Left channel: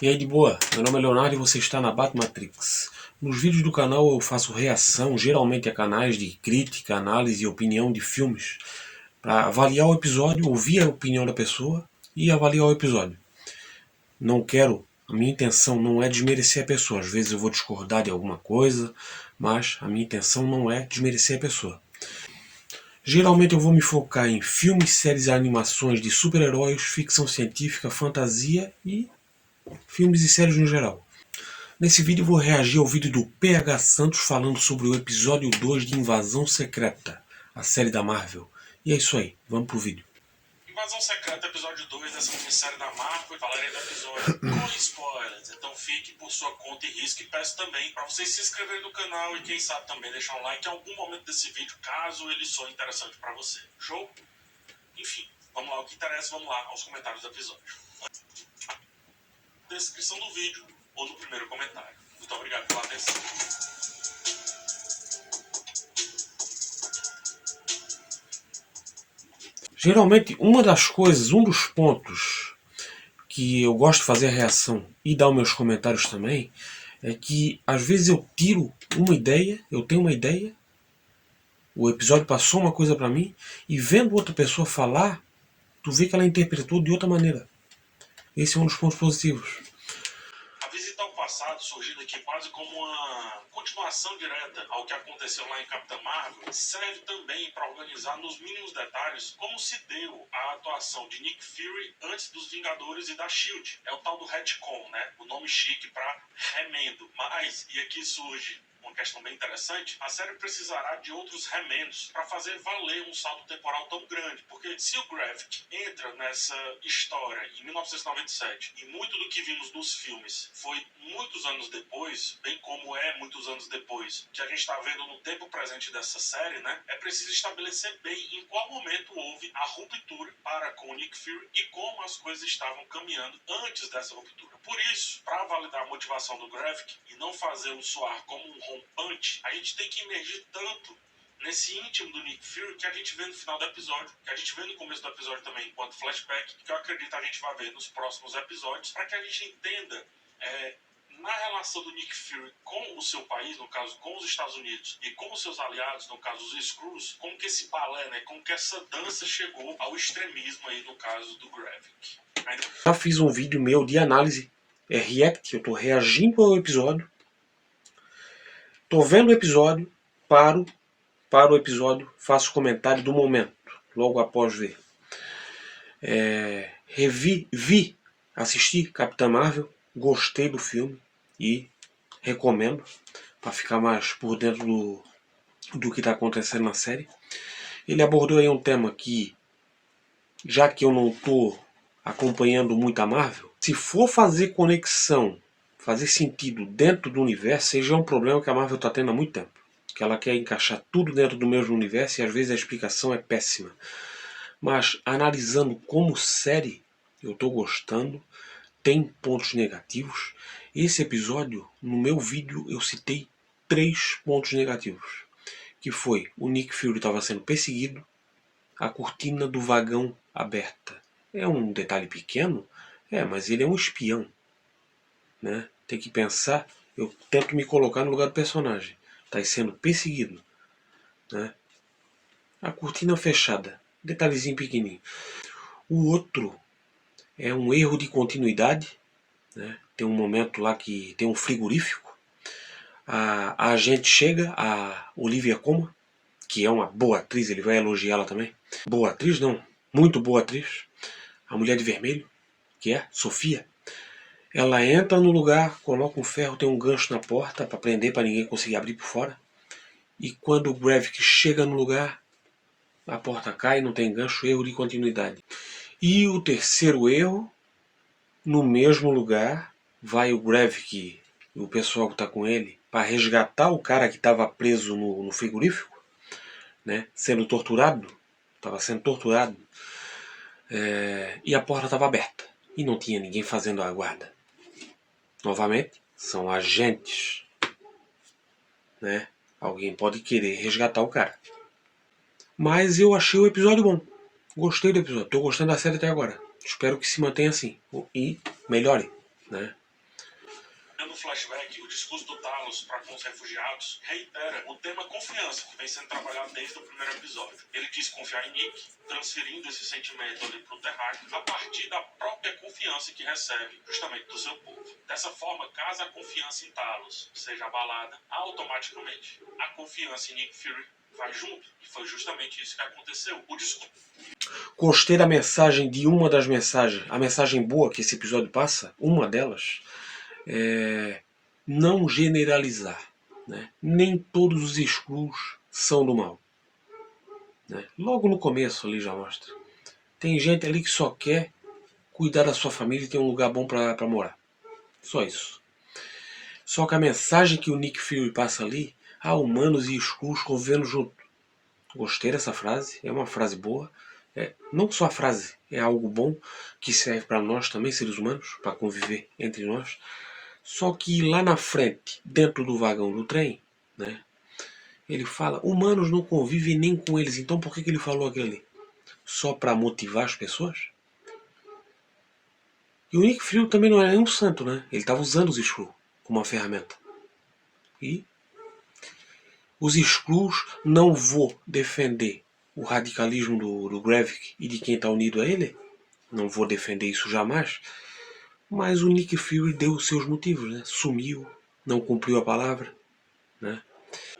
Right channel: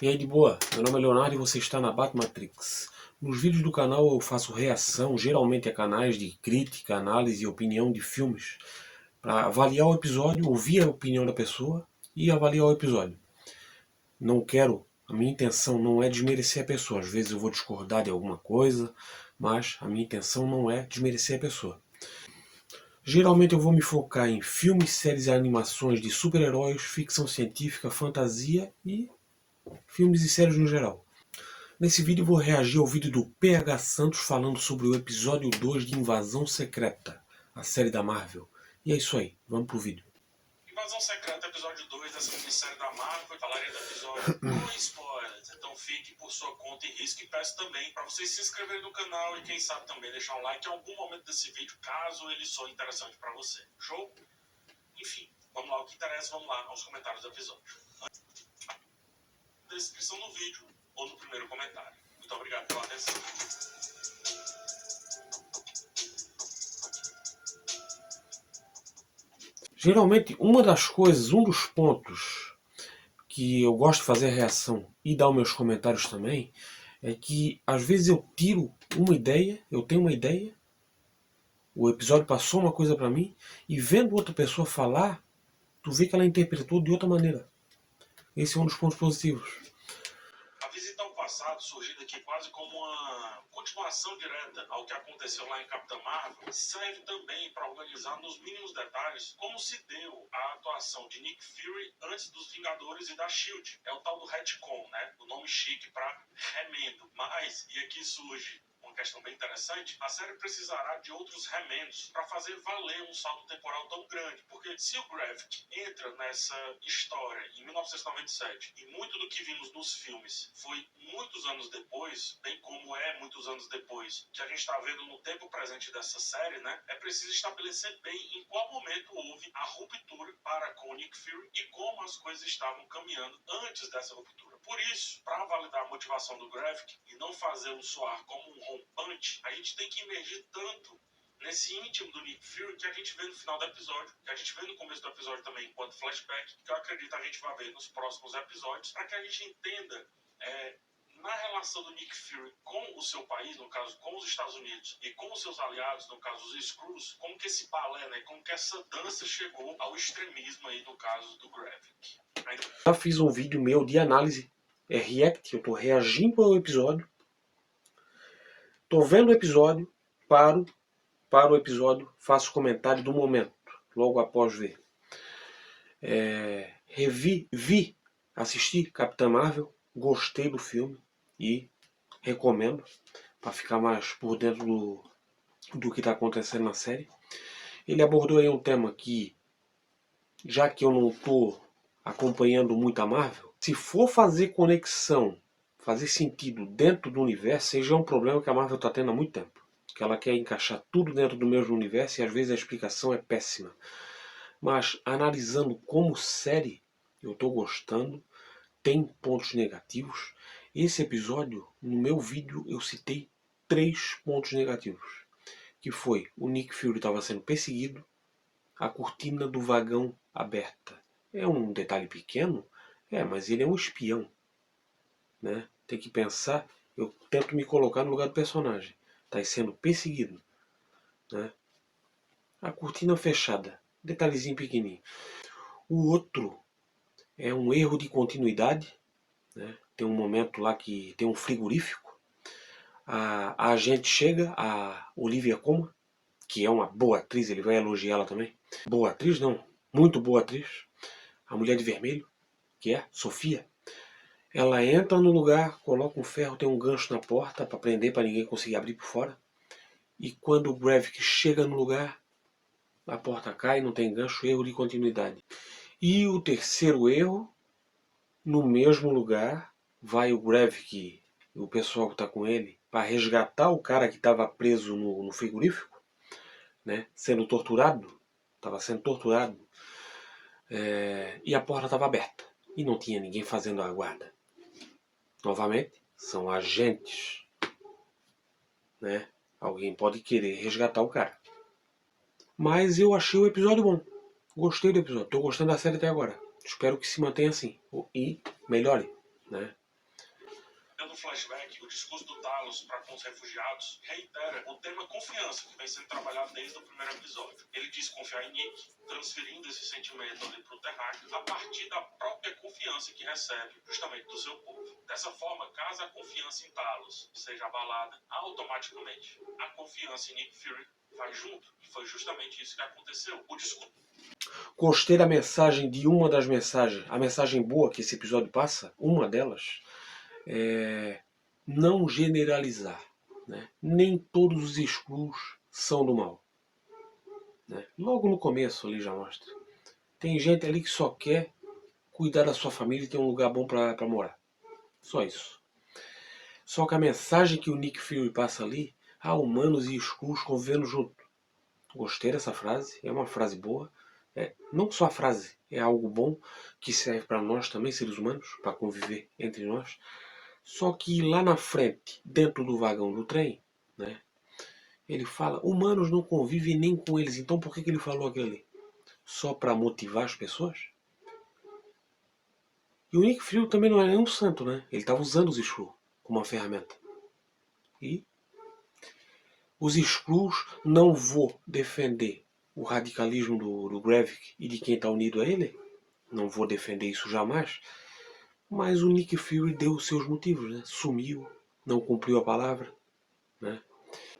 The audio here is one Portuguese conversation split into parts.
E aí, de boa? Meu nome é Leonardo e você está na Batmatrix. Nos vídeos do canal eu faço reação, geralmente a canais de crítica, análise e opinião de filmes, para avaliar o episódio, ouvir a opinião da pessoa e avaliar o episódio. A minha intenção não é desmerecer a pessoa. Às vezes eu vou discordar de alguma coisa, mas a minha intenção não é desmerecer a pessoa. Geralmente eu vou me focar em filmes, séries e animações de super-heróis, ficção científica, fantasia e filmes e séries no geral. Nesse vídeo eu vou reagir ao vídeo do PH Santos falando sobre o episódio 2 de Invasão Secreta, a série da Marvel. E é isso aí, vamos pro vídeo. Invasão Secreta, episódio 2 dessa minissérie da Marvel. Falarei do episódio com spoilers, então fique por sua conta e risco. E peço também para vocês se inscreverem no canal e quem sabe também deixar um like em algum momento desse vídeo, caso ele soe interessante para você. Show? Enfim, vamos lá, o que interessa, vamos lá aos comentários do episódio. Na descrição do vídeo ou no primeiro comentário. Muito obrigado pela atenção. Geralmente, um dos pontos que eu gosto de fazer a reação e dar os meus comentários também, é que às vezes eu tiro uma ideia, eu tenho uma ideia, o episódio passou uma coisa pra mim, e vendo outra pessoa falar, tu vê que ela interpretou de outra maneira. Esse é um dos pontos positivos. A visita ao passado, surgindo aqui quase como uma continuação direta ao que aconteceu lá em Capitã Marvel, serve também para organizar nos mínimos detalhes como se deu a atuação de Nick Fury antes dos Vingadores e da SHIELD. É o tal do retcon, né? O nome chique para remendo. Mas, e aqui surge uma questão bem interessante, a série precisará de outros remendos para fazer valer um salto temporal tão grande, porque se o Gravik entra nessa história em 1997 e muito do que vimos nos filmes foi muitos anos depois, bem como é muitos anos depois que a gente está vendo no tempo presente dessa série, né? É preciso estabelecer bem em qual momento houve a ruptura para com o Nick Fury e como as coisas estavam caminhando antes dessa ruptura. Por isso, para validar a motivação do Gravik e não fazê-lo soar como um rompante, a gente tem que imergir tanto nesse íntimo do Nick Fury que a gente vê no final do episódio, que a gente vê no começo do episódio também enquanto flashback, que eu acredito a gente vai ver nos próximos episódios, para que a gente entenda na relação do Nick Fury com o seu país, no caso com os Estados Unidos, e com os seus aliados, no caso os Skrulls, como que esse balé, né, como que essa dança chegou ao extremismo aí no caso do Gravik. Já fiz um vídeo meu de análise, react, eu tô reagindo ao episódio, tô vendo o episódio, paro o episódio, faço comentário do momento, logo após ver. Assisti Capitã Marvel, gostei do filme e recomendo para ficar mais por dentro do que está acontecendo na série. Ele abordou aí um tema que, já que eu não estou acompanhando muito a Marvel, se for fazer conexão, fazer sentido dentro do universo, seja um problema que a Marvel está tendo há muito tempo. Que ela quer encaixar tudo dentro do mesmo universo e às vezes a explicação é péssima. Mas analisando como série, eu estou gostando, tem pontos negativos. Esse episódio, no meu vídeo, eu citei 3 pontos negativos. Que foi, o Nick Fury estava sendo perseguido, a cortina do vagão aberta. É um detalhe pequeno, mas ele é um espião. Né? Tem que pensar, eu tento me colocar no lugar do personagem. Está sendo perseguido. Né? A cortina fechada, detalhezinho pequenininho. O outro é um erro de continuidade. Né? Tem um momento lá que tem um frigorífico. A agente chega, a Olivia Colman, que é uma boa atriz, ele vai elogiá-la também. Boa atriz não, muito boa atriz. A mulher de vermelho, que é Sofia. Ela entra no lugar, coloca um ferro, tem um gancho na porta para prender, para ninguém conseguir abrir por fora. E quando o Gravik chega no lugar, a porta cai, não tem gancho, erro de continuidade. E o terceiro erro, no mesmo lugar, vai o Gravik e o pessoal que está com ele para resgatar o cara que estava preso no frigorífico, né, sendo torturado, estava sendo torturado, e a porta estava aberta e não tinha ninguém fazendo a guarda. Novamente, são agentes, né? Alguém pode querer resgatar o cara. Mas eu achei o episódio bom. Gostei do episódio. Estou gostando da série até agora. Espero que se mantenha assim. E melhore. Né? flashback, o discurso do Talos para com os refugiados reitera o tema confiança, que vem sendo trabalhado desde o primeiro episódio. Ele diz confiar em Nick, transferindo esse sentimento ali para o terráqueo, a partir da própria confiança que recebe justamente do seu povo. Dessa forma, caso a confiança em Talos seja abalada, automaticamente a confiança em Nick Fury vai junto. E foi justamente isso que aconteceu. O discurso... Gostei da mensagem de uma das mensagens, a mensagem boa que esse episódio passa, uma delas, é não generalizar, né? Nem todos os Skrulls são do mal, né? Logo no começo ali já mostra. Tem gente ali que só quer cuidar da sua família e ter um lugar bom para morar. Só isso. Só que a mensagem que o Nick Fury passa ali, humanos e Skrulls convivendo junto. Gostei dessa frase, é uma frase boa. Não só a frase, é algo bom que serve para nós também, seres humanos, para conviver entre nós. Só que lá na frente, dentro do vagão do trem, né, ele fala, humanos não convivem nem com eles. Então por que ele falou aquilo ali? Só para motivar as pessoas? E o Nick Fury também não era nenhum santo, né? Ele estava usando os Skrulls como uma ferramenta. E os Skrulls, não vou defender o radicalismo do Gravik e de quem está unido a ele. Não vou defender isso jamais. Mas o Nick Fury deu os seus motivos, né? Sumiu, não cumpriu a palavra, né?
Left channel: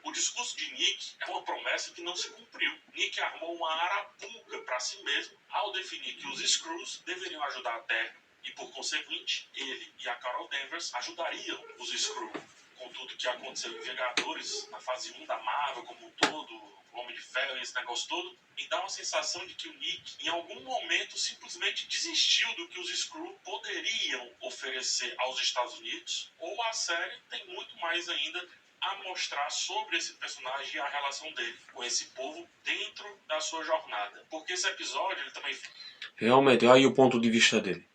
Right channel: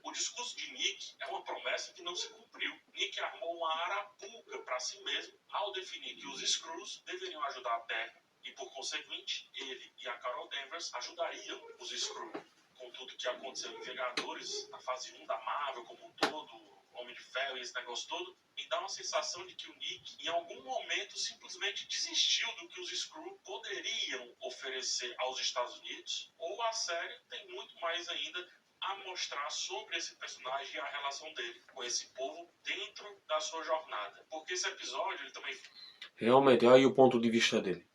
O discurso de Nick é uma promessa que não se cumpriu. Nick armou uma arapuca para si mesmo ao definir que os Skrulls deveriam ajudar a Terra e, por conseguinte, ele e a Carol Danvers ajudariam os Skrulls. Com tudo que aconteceu em Vingadores, na fase 1 da Marvel como um todo, Homem de Ferro e esse negócio todo, me dá uma sensação de que o Nick, em algum momento, simplesmente desistiu do que os Skrulls poderiam oferecer aos Estados Unidos, ou a série tem muito mais ainda a mostrar sobre esse personagem e a relação dele com esse povo dentro da sua jornada. Porque esse episódio, ele também... Realmente, olha aí o ponto de vista dele.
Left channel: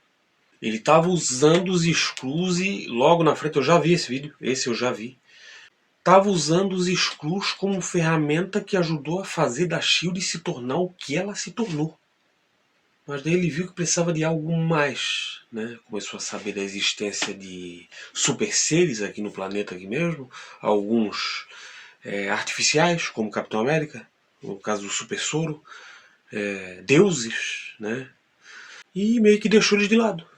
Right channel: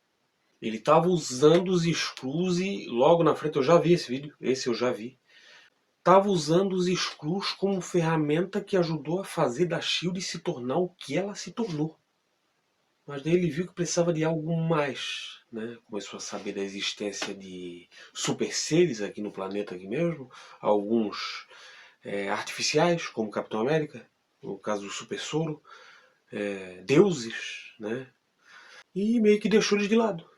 Ele estava usando os Skrulls e logo na frente, eu já vi esse vídeo, esse eu já vi. Estava usando os Skrulls como ferramenta que ajudou a fazer da S.H.I.E.L.D. se tornar o que ela se tornou. Mas daí ele viu que precisava de algo mais, né? Começou a saber da existência de super seres aqui no planeta aqui mesmo, alguns artificiais, como Capitão América, no caso do Super Soro, deuses, né? E meio que deixou eles de lado,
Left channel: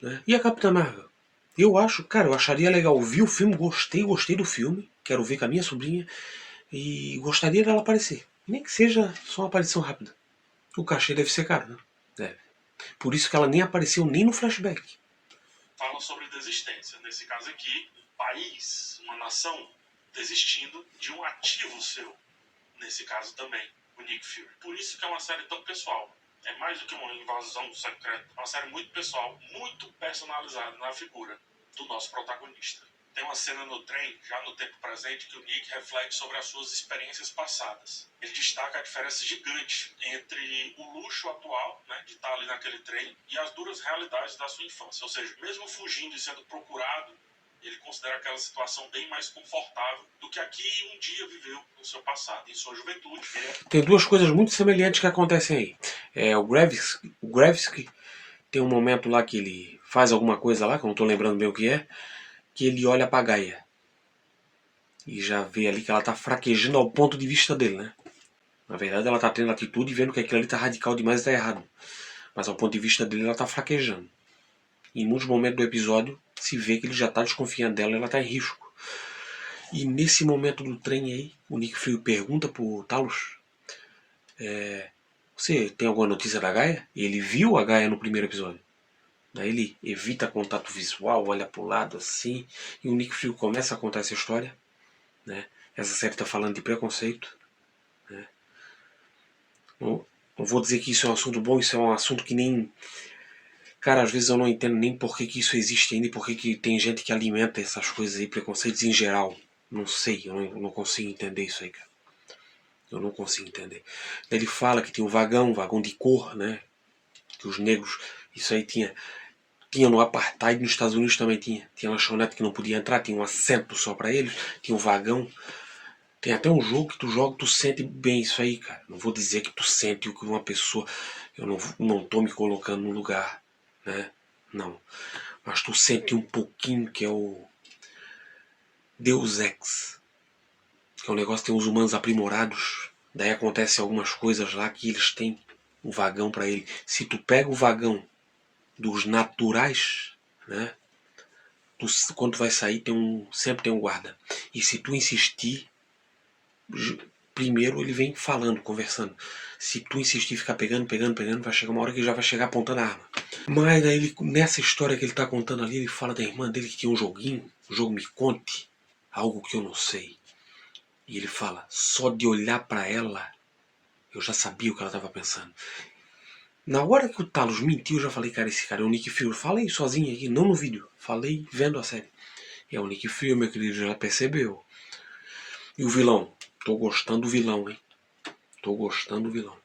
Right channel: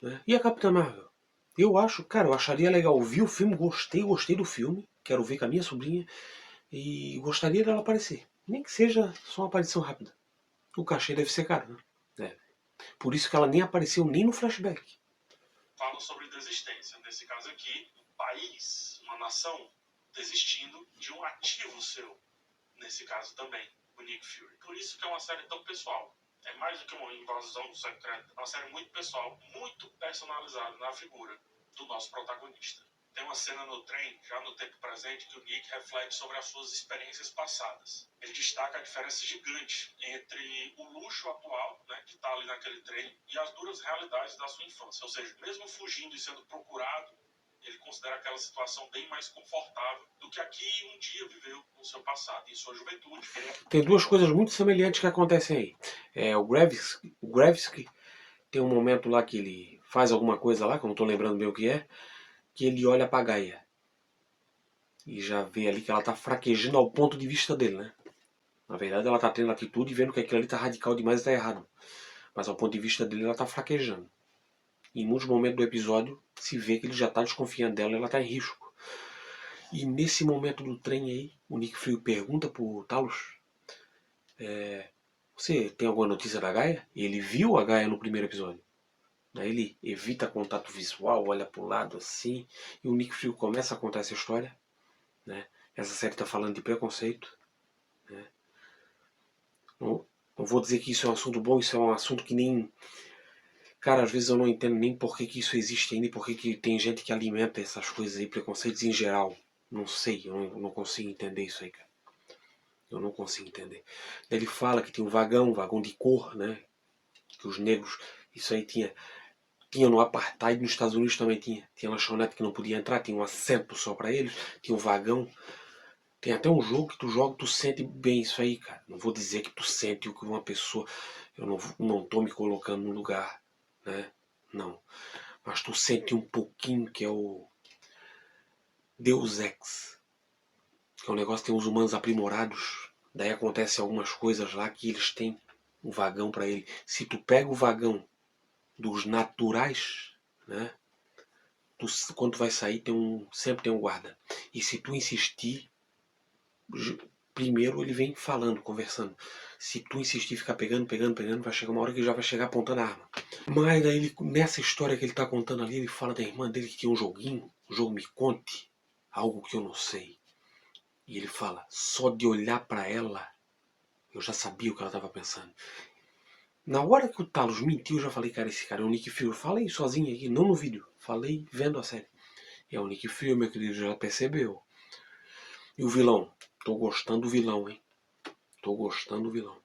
né? E a Capitã Marvel? Eu acho, cara, eu acharia legal. Vi o filme, gostei do filme, quero ver com a minha sobrinha e gostaria dela aparecer. Nem que seja só uma aparição rápida. O cachê deve ser caro, né? Deve. Por isso que ela nem apareceu nem no flashback. Falam sobre desistência. Nesse caso aqui, um país, uma nação desistindo de um ativo seu. Nesse caso também, o Nick Fury. Por isso que é uma série tão pessoal. É mais do que uma invasão secreta. É uma série muito pessoal, muito personalizada na figura do nosso protagonista. Tem uma cena no trem, já no tempo presente, que o Nick reflete sobre as suas experiências passadas. Ele destaca a diferença gigante entre o luxo atual, né, de estar ali naquele trem, e as duras realidades da sua infância. Ou seja, mesmo fugindo e sendo procurado, ele considera aquela situação bem mais confortável do que aqui um dia viveu no seu passado, em sua juventude. Tem duas coisas muito semelhantes que acontecem aí. O Gravik tem um momento lá que ele faz alguma coisa lá, que eu não estou lembrando bem o que é, que ele olha pra Gaia. E já vê ali que ela tá fraquejando ao ponto de vista dele, né? Na verdade ela tá tendo atitude e vendo que aquilo ali tá radical demais e tá errado. Mas ao ponto de vista dele ela tá fraquejando. E em muitos momentos do episódio se vê que ele já tá desconfiando dela e ela tá em risco. E nesse momento do trem aí, o Nick Fury pergunta pro Talos: você tem alguma notícia da Gaia? Ele viu a Gaia no primeiro episódio. Daí ele evita contato visual, olha pro lado assim, e o Nick Fury começa a contar essa história, né? Essa série está falando de preconceito, né? Não vou dizer que isso é um assunto bom, isso é um assunto que nem... Cara, às vezes eu não entendo nem por que isso existe ainda e por que tem gente que alimenta essas coisas aí, preconceitos em geral. Não sei, eu não consigo entender isso aí, cara. Eu não consigo entender. Ele fala que tem um vagão de cor, né? Que os negros... Isso aí tinha no Apartheid, nos Estados Unidos também tinha. Tinha lanchonete que não podia entrar, tinha um assento só pra eles, tinha um vagão. Tem até um jogo que tu joga, tu sente bem isso aí, cara. Não vou dizer que tu sente o que uma pessoa... Eu não tô me colocando no lugar, né? Não. Mas tu sente um pouquinho que é o Deus Ex, que é um negócio que tem os humanos aprimorados. Daí acontece algumas coisas lá que eles têm o vagão para ele. Se tu pega o vagão dos naturais, né? Quando tu vai sair sempre tem um guarda. E se tu insistir, primeiro ele vem falando, conversando. Se tu insistir, ficar pegando, vai chegar uma hora que ele já vai chegar apontando a arma. Mas aí ele, nessa história que ele tá contando ali, ele fala da irmã dele que tinha um joguinho, o jogo Me Conte, algo que eu não sei. E ele fala, só de olhar para ela, eu já sabia o que ela tava pensando. Na hora que o Talos mentiu, eu já falei, cara, esse cara é o Nick Fury. Falei sozinho aqui, não no vídeo. Falei vendo a série. É o Nick Fury, meu querido, já percebeu. E o vilão? Tô gostando do vilão, hein? Tô gostando do vilão.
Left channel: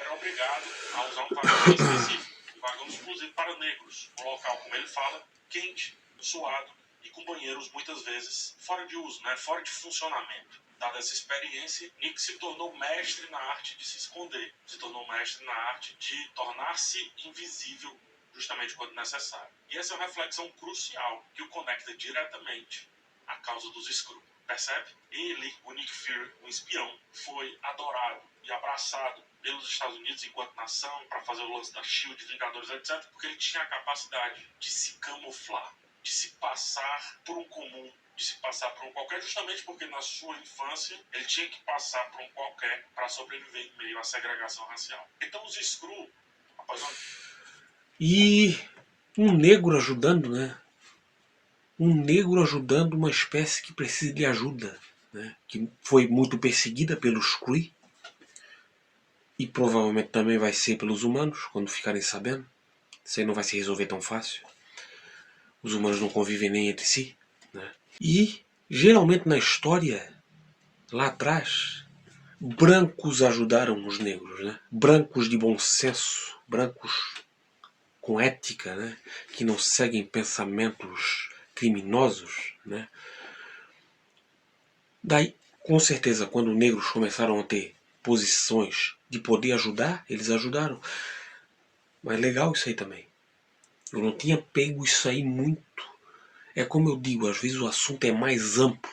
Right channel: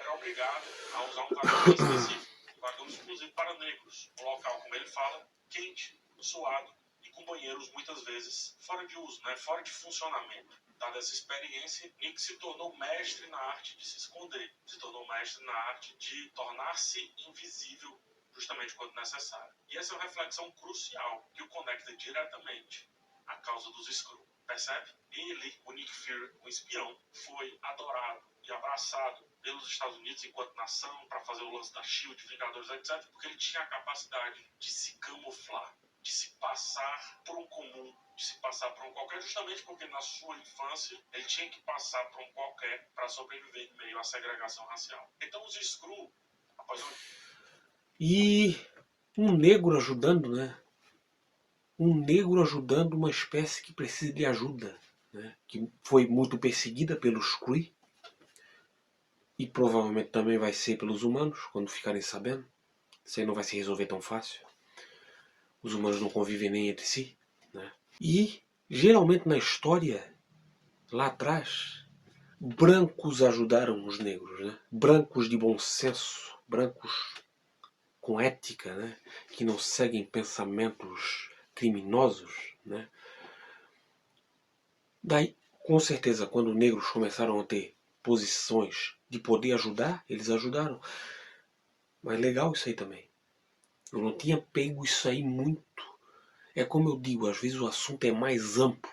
Era obrigado a usar um vagão específico, um vagão exclusivo para negros. Um local, como ele fala, quente, suado e com banheiros muitas vezes fora de uso, né? Fora de funcionamento. Dada essa experiência, Nick se tornou mestre na arte de se esconder, se tornou mestre na arte de tornar-se invisível justamente quando necessário. E essa é uma reflexão crucial que o conecta diretamente à causa dos Skrull. Percebe? Ele, o Nick Fury, o espião, foi adorado e abraçado pelos Estados Unidos enquanto nação para fazer o lance da SHIELD, Vingadores, etc., porque ele tinha a capacidade de se camuflar, de se passar por um comum, de se passar por um qualquer, justamente porque na sua infância ele tinha que passar por um qualquer para sobreviver em meio à segregação racial. Então os Skrull, após uma... E um negro ajudando, né? Um negro ajudando uma espécie que precisa de ajuda, né? Que foi muito perseguida pelos Kree e provavelmente também vai ser pelos humanos quando ficarem sabendo. Isso aí não vai se resolver tão fácil. Os humanos não convivem nem entre si, né? E geralmente na história, lá atrás, brancos ajudaram os negros, né? Brancos de bom senso, brancos com ética, né? Que não seguem pensamentos criminosos, né? Daí, com certeza, quando negros começaram a ter posições de poder ajudar, eles ajudaram. Mas é legal isso aí também. Eu não tinha pego isso aí muito. É como eu digo, às vezes o assunto é mais amplo.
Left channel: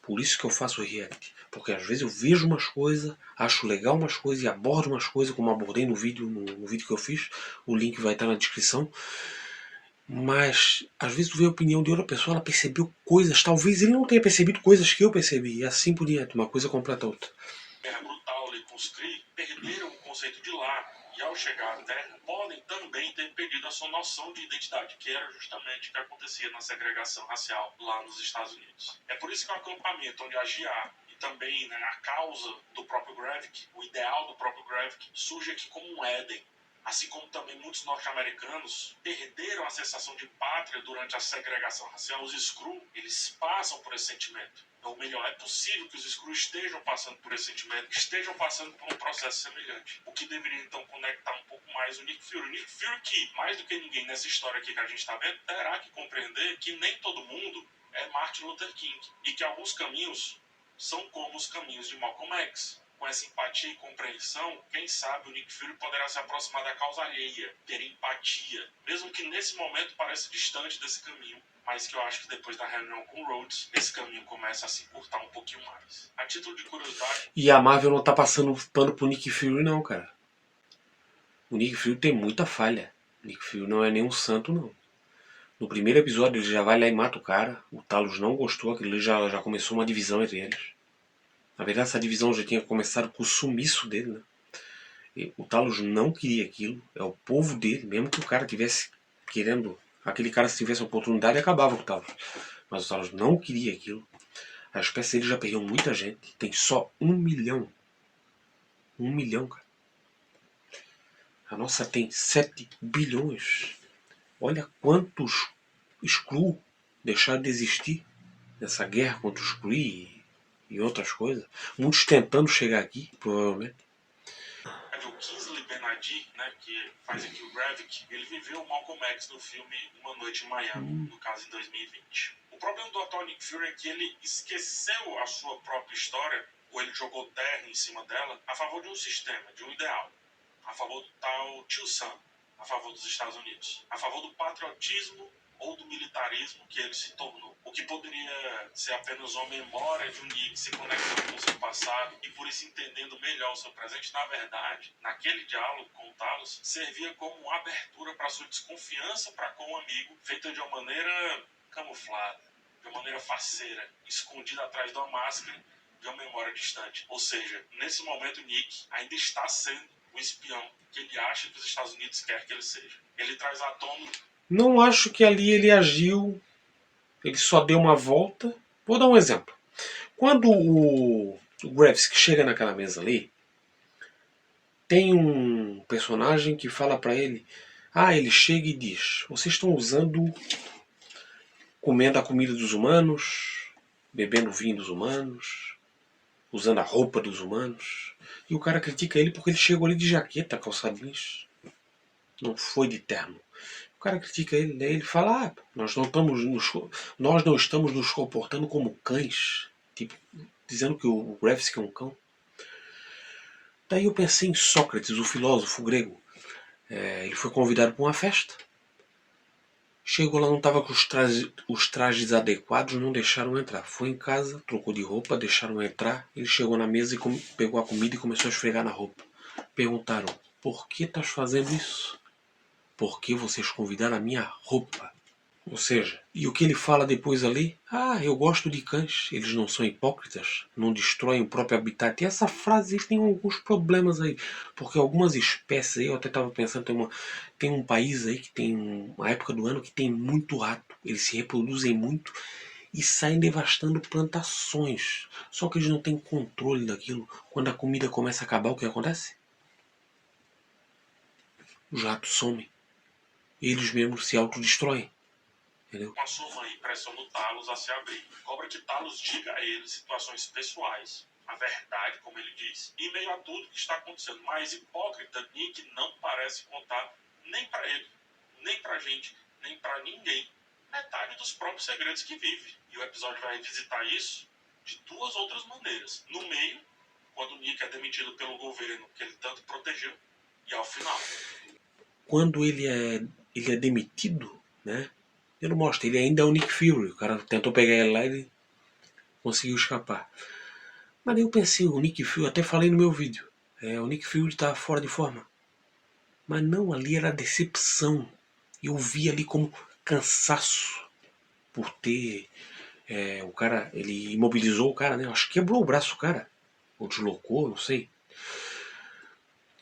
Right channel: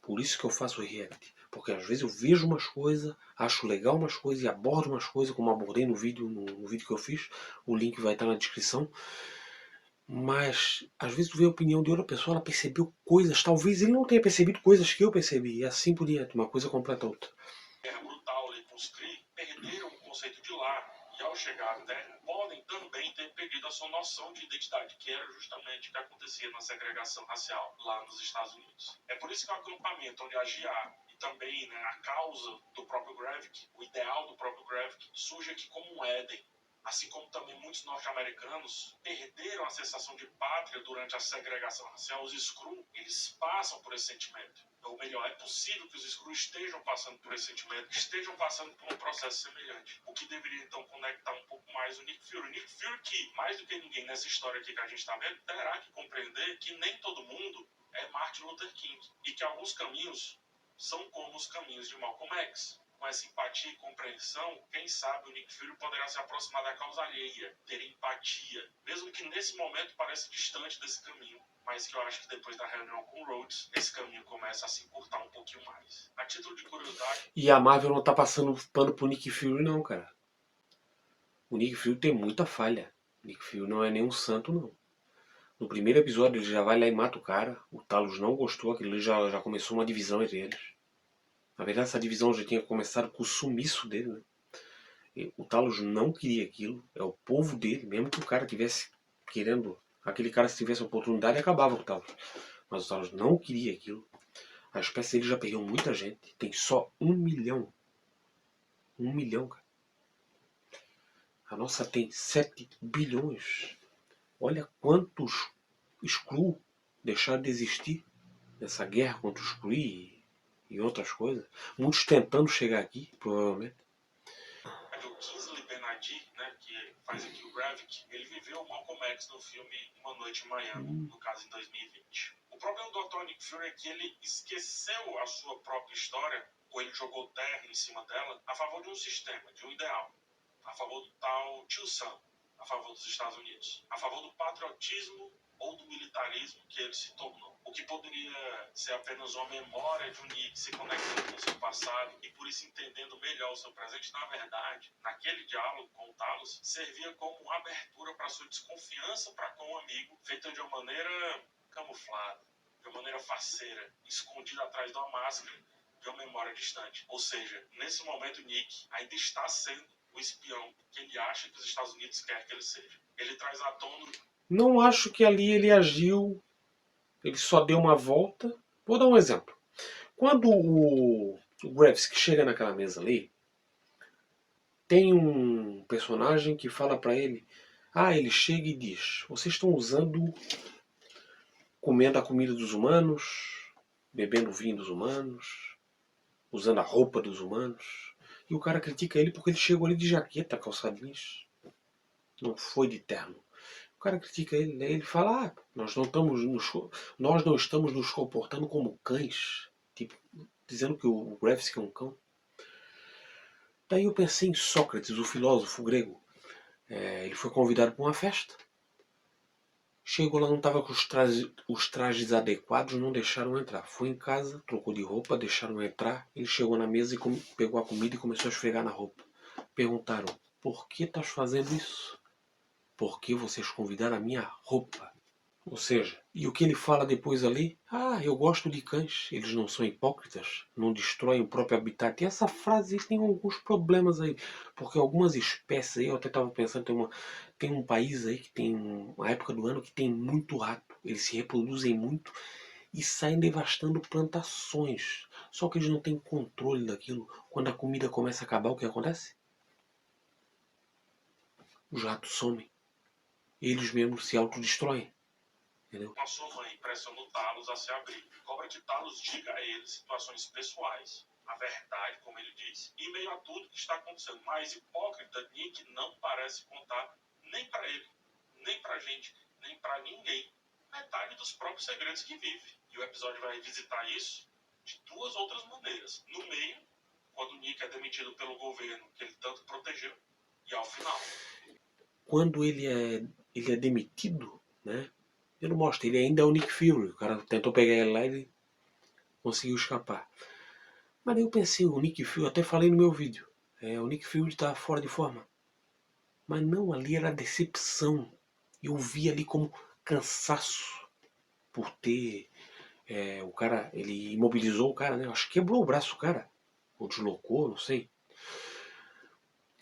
Por isso que eu faço react. Porque às vezes eu vejo umas coisas, acho legal umas coisas e abordo umas coisas, como abordei no vídeo que eu fiz. O link vai estar na descrição. Mas às vezes tu vê a opinião de outra pessoa, ela percebeu coisas, talvez ele não tenha percebido coisas que eu percebi, e assim por diante, uma coisa completa a outra. guerra brutal ali com os Kree, perderam o conceito de lar e ao chegar à Terra podem também ter perdido a sua noção de identidade, que era justamente o que acontecia na segregação racial lá nos Estados Unidos. É por isso que o acampamento onde a GA e também, né, a causa do próprio Gravik, o ideal do próprio Gravik, surge aqui como um Éden. Assim como também muitos norte-americanos perderam a sensação de pátria durante a segregação racial, os Skrull, eles passam por esse sentimento. Ou melhor, é possível que os Skrull estejam passando por esse sentimento, estejam passando por um processo semelhante. O que deveria então conectar um pouco mais o Nick Fury. O Nick Fury que, mais do que ninguém nessa história aqui que a gente está vendo, terá que compreender que nem todo mundo é Martin Luther King. E que alguns caminhos são como os caminhos de Malcolm X. Com essa empatia e compreensão, quem sabe o Nick Fury poderá se aproximar da causa alheia, ter empatia, mesmo que nesse momento pareça distante desse caminho, mas que eu acho que depois da reunião com Rhodes, esse caminho começa a se encurtar um pouquinho mais. A título de curiosidade... E a Marvel não tá passando pano pro Nick Fury não, cara. O Nick Fury tem muita falha. O Nick Fury não é nenhum santo, não. No primeiro episódio ele já vai lá e mata o cara. O Talos não gostou, aquilo ali já começou uma divisão entre eles. Na verdade essa divisão já tinha começado com o sumiço dele, né? E o Talos não queria aquilo. É o povo dele, mesmo que o cara tivesse querendo... Aquele cara, se tivesse a oportunidade, acabava com o Talos. Mas o Talos não queria aquilo. A espécie dele já perdeu muita gente. Tem só 1 milhão. 1 milhão, cara. A nossa tem 7 bilhões. Olha quantos Skrull deixaram de existir nessa guerra contra os Kree e outras coisas. Muitos tentando chegar aqui, provavelmente. O Kingsley Ben-Adir, né, que faz aqui o Gravik, ele viveu o Malcolm X no filme Uma Noite em Miami, no caso em 2020. O problema do atual Nick Fury é que ele esqueceu a sua própria história, ou ele jogou terra em cima dela, a favor de um sistema, de um ideal, a favor do tal Tio Sam, a favor dos Estados Unidos, a favor do patriotismo ou do militarismo que ele se tornou. O que poderia ser apenas uma memória de um Nick se conectando com seu passado e por isso entendendo melhor o seu presente, na verdade, naquele diálogo com o Talos, servia como uma abertura para sua desconfiança para com o amigo, feita de uma maneira camuflada, de uma maneira faceira, escondida atrás de uma máscara de uma memória distante. Ou seja, nesse momento Nick ainda está sendo o espião que ele acha que os Estados Unidos quer que ele seja. Ele traz à tona... Não acho que ali ele agiu, ele só deu uma volta. Vou dar um exemplo. Quando o Gravsky chega naquela mesa ali, tem um personagem que fala pra ele, ele chega e diz, vocês estão comendo a comida dos humanos, bebendo o vinho dos humanos, usando a roupa dos humanos. E o cara critica ele porque ele chegou ali de jaqueta, calçado jeans. Não foi de terno. O cara critica ele, daí ele fala, nós não estamos nos comportando como cães. Tipo, dizendo que o Gravsky é um cão. Daí eu pensei em Sócrates, o filósofo grego. Ele foi convidado para uma festa. Chegou lá, não estava com os trajes adequados, não deixaram entrar. Foi em casa, trocou de roupa, deixaram entrar. Ele chegou na mesa e pegou a comida e começou a esfregar na roupa. Perguntaram, por que estás fazendo isso? Porque vocês convidaram a minha roupa. Ou seja, e o que ele fala depois ali? Eu gosto de cães, eles não são hipócritas, não destroem o próprio habitat. E essa frase tem alguns problemas aí, porque algumas espécies aí, eu até estava pensando, tem um país aí que tem uma época do ano que tem muito rato, eles se reproduzem muito e saem devastando plantações. Só que eles não têm controle daquilo. Quando a comida começa a acabar, o que acontece? Os ratos somem. Eles mesmos se autodestroem. Entendeu? Com a sua mãe pressiona o Talos a se abrir. Cobra que Talos diga a ele situações pessoais, a verdade, como ele diz, em meio a tudo que está acontecendo. Mas hipócrita, Nick não parece contar nem para ele, nem pra gente, nem para ninguém metade dos próprios segredos que vive. E o episódio vai revisitar isso de duas outras maneiras. No meio, quando o Nick é demitido pelo governo que ele tanto protegeu, e ao final. Quando ele é demitido, né? Ele mostra, ele ainda é o Nick Fury. O cara tentou pegar ele lá e ele conseguiu escapar. Mas daí eu pensei, o Nick Fury, até falei no meu vídeo, o Nick Fury estava fora de forma. Mas não, ali era decepção. Eu vi ali como cansaço por ter... o cara, ele imobilizou o cara, né? Acho que quebrou o braço do cara. Ou deslocou, não sei.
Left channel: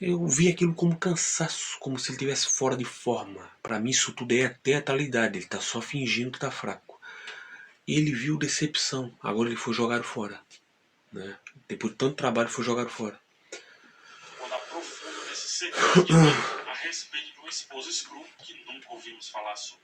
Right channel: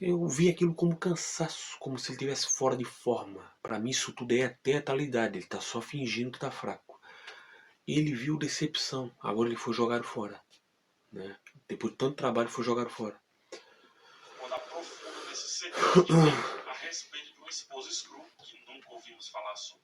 Eu vi aquilo como cansaço, como se ele estivesse fora de forma. Para mim isso tudo é teatralidade, ele está só fingindo que está fraco. Ele viu decepção, agora ele foi jogado fora. Né? Depois de tanto trabalho foi jogado fora. Quando aprofunda nesse segredo de Nick a respeito de uma esposa Skrull que nunca ouvimos falar sobre.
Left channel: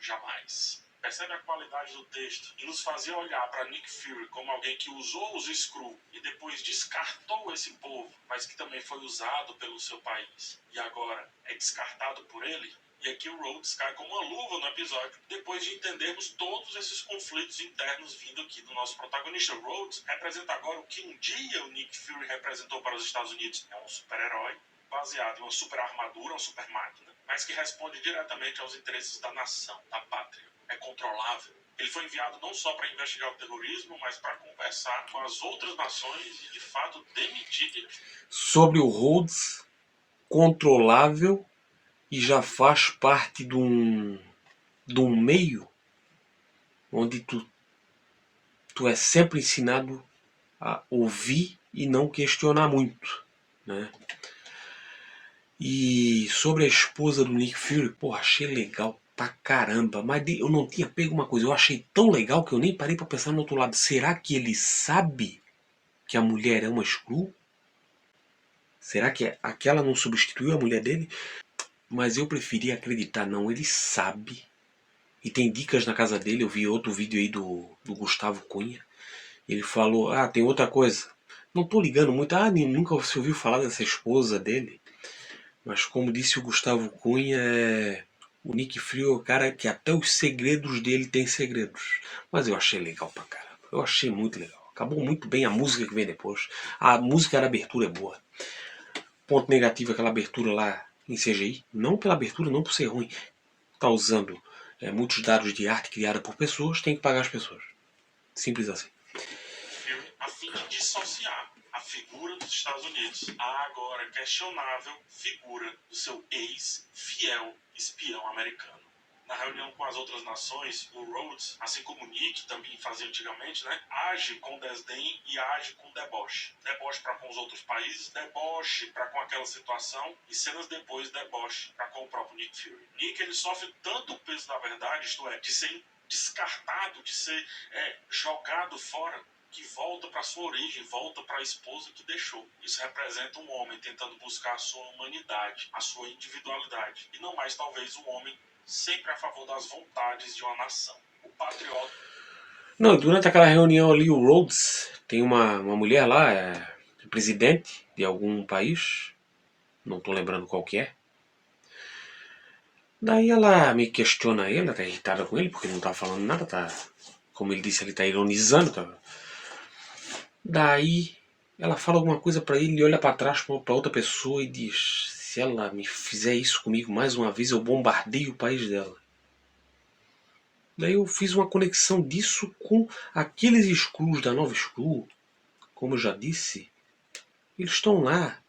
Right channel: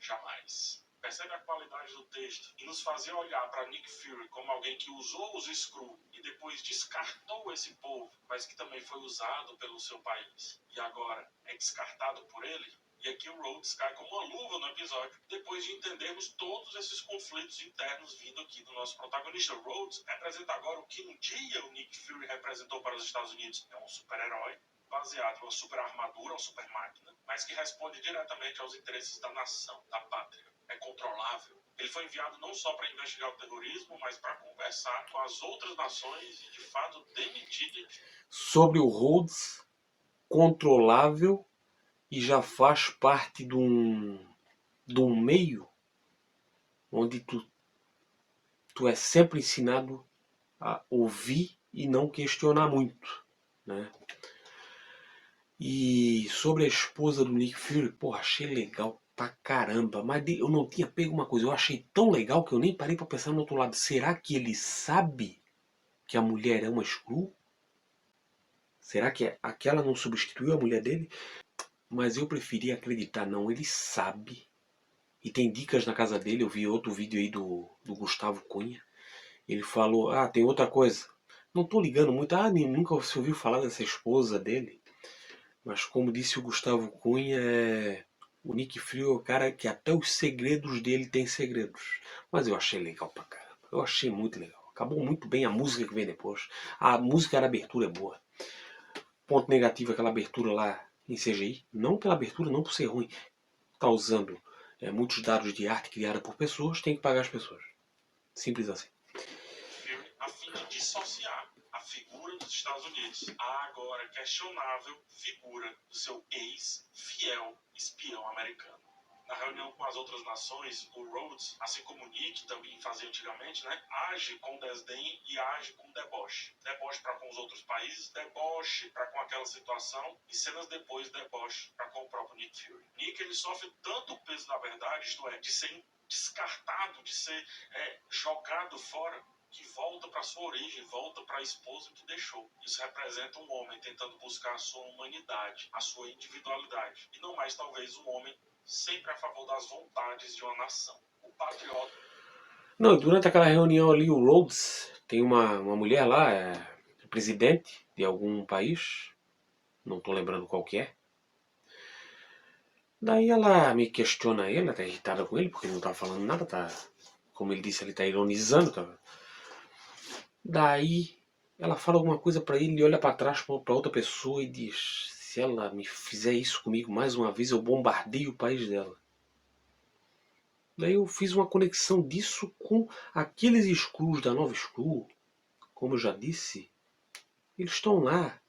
Jamais. Percebe a qualidade do texto e nos fazia olhar para Nick Fury como alguém que usou os Skrull e depois descartou esse povo, mas que também foi usado pelo seu país e agora é descartado por ele. E aqui o Rhodes cai como uma luva no episódio, depois de entendermos todos esses conflitos internos vindo aqui do nosso protagonista. Rhodes representa agora o que um dia o Nick Fury representou para os Estados Unidos. É um super-herói baseado em uma super armadura, uma super máquina, mas que responde diretamente aos interesses da nação, da pátria. É controlável. Ele foi enviado não só para investigar o terrorismo, mas para conversar com as outras nações e, de fato, demitir... Sobre o Rhodes, controlável e já faz parte de um meio onde tu é sempre ensinado a ouvir e não questionar muito. Né? E sobre a esposa do Nick Fury, achei legal pra caramba. Mas eu não tinha pego uma coisa, eu achei tão legal que eu nem parei pra pensar no outro lado. Será que ele sabe que a mulher é uma Skrull? Será que aquela não substituiu a mulher dele? Mas eu preferi acreditar, não, ele sabe. E tem dicas na casa dele, eu vi outro vídeo aí do Gustavo Cunha. Ele falou, tem outra coisa. Não tô ligando muito, nunca se ouviu falar dessa esposa dele. Mas como disse o Gustavo Cunha, o Nick Fury é o cara que até os segredos dele tem segredos. Mas eu achei legal pra caramba. Eu achei muito legal. Acabou muito bem a música que vem depois. A música da abertura é boa. Ponto negativo é aquela abertura lá em CGI. Não pela abertura, não por ser ruim. Tá usando muitos dados de arte criada por pessoas, tem que pagar as pessoas. Simples assim. A fim de dissociar a figura dos Estados Unidos, a agora questionável figura do seu ex-fiel espião americano. Na reunião com as outras nações, o Rhodes, assim como o Nick também fazia antigamente, né, age com desdém e age com deboche. Deboche para com os outros países, deboche para com aquela situação e cenas depois deboche para com o próprio Nick Fury. Nick, ele sofre tanto o peso da verdade, isto é, de ser descartado, de ser jogado fora, que volta para sua origem, volta para a esposa que deixou. Isso representa um homem tentando buscar a sua humanidade, a sua individualidade, e não mais talvez um homem sempre a favor das vontades de uma nação. O patriota. Não, durante aquela reunião ali, o Rhodes, tem uma mulher lá, presidente de algum país, não tô lembrando qual que é. Daí ela me questiona ele, ela tá irritada com ele, porque ele não tá falando nada, tá, como ele disse, ele tá ironizando. Tá. Daí ela fala alguma coisa pra ele, ele olha pra trás pra outra pessoa e diz: se ela me fizer isso comigo mais uma vez, eu bombardeio o país dela. Daí eu fiz uma conexão disso com aqueles Skrulls da Nova Skrull. Como eu já disse, eles estão lá.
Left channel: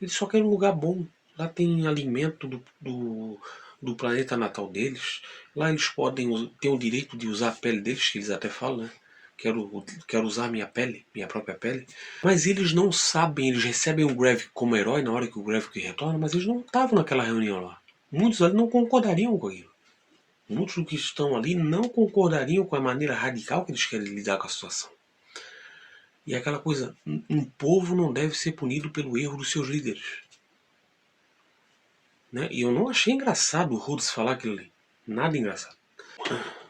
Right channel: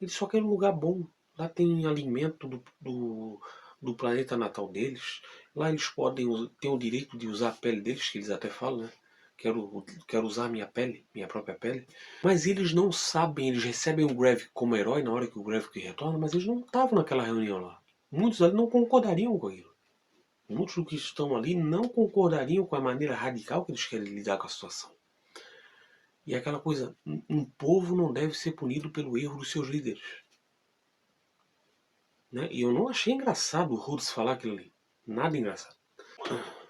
Eles só querem um lugar bom. Lá tem alimento do planeta natal deles. Lá eles podem ter o direito de usar a pele deles, que eles até falam, né? Quero usar minha pele, minha própria pele. Mas eles não sabem, eles recebem o Gravik como herói na hora que o Gravik retorna, mas eles não estavam naquela reunião lá. Muitos ali não concordariam com aquilo. Muitos dos que estão ali não concordariam com a maneira radical que eles querem lidar com a situação. E é aquela coisa, um povo não deve ser punido pelo erro dos seus líderes. Né? E eu não achei engraçado o Rhodes falar aquilo ali. Nada engraçado.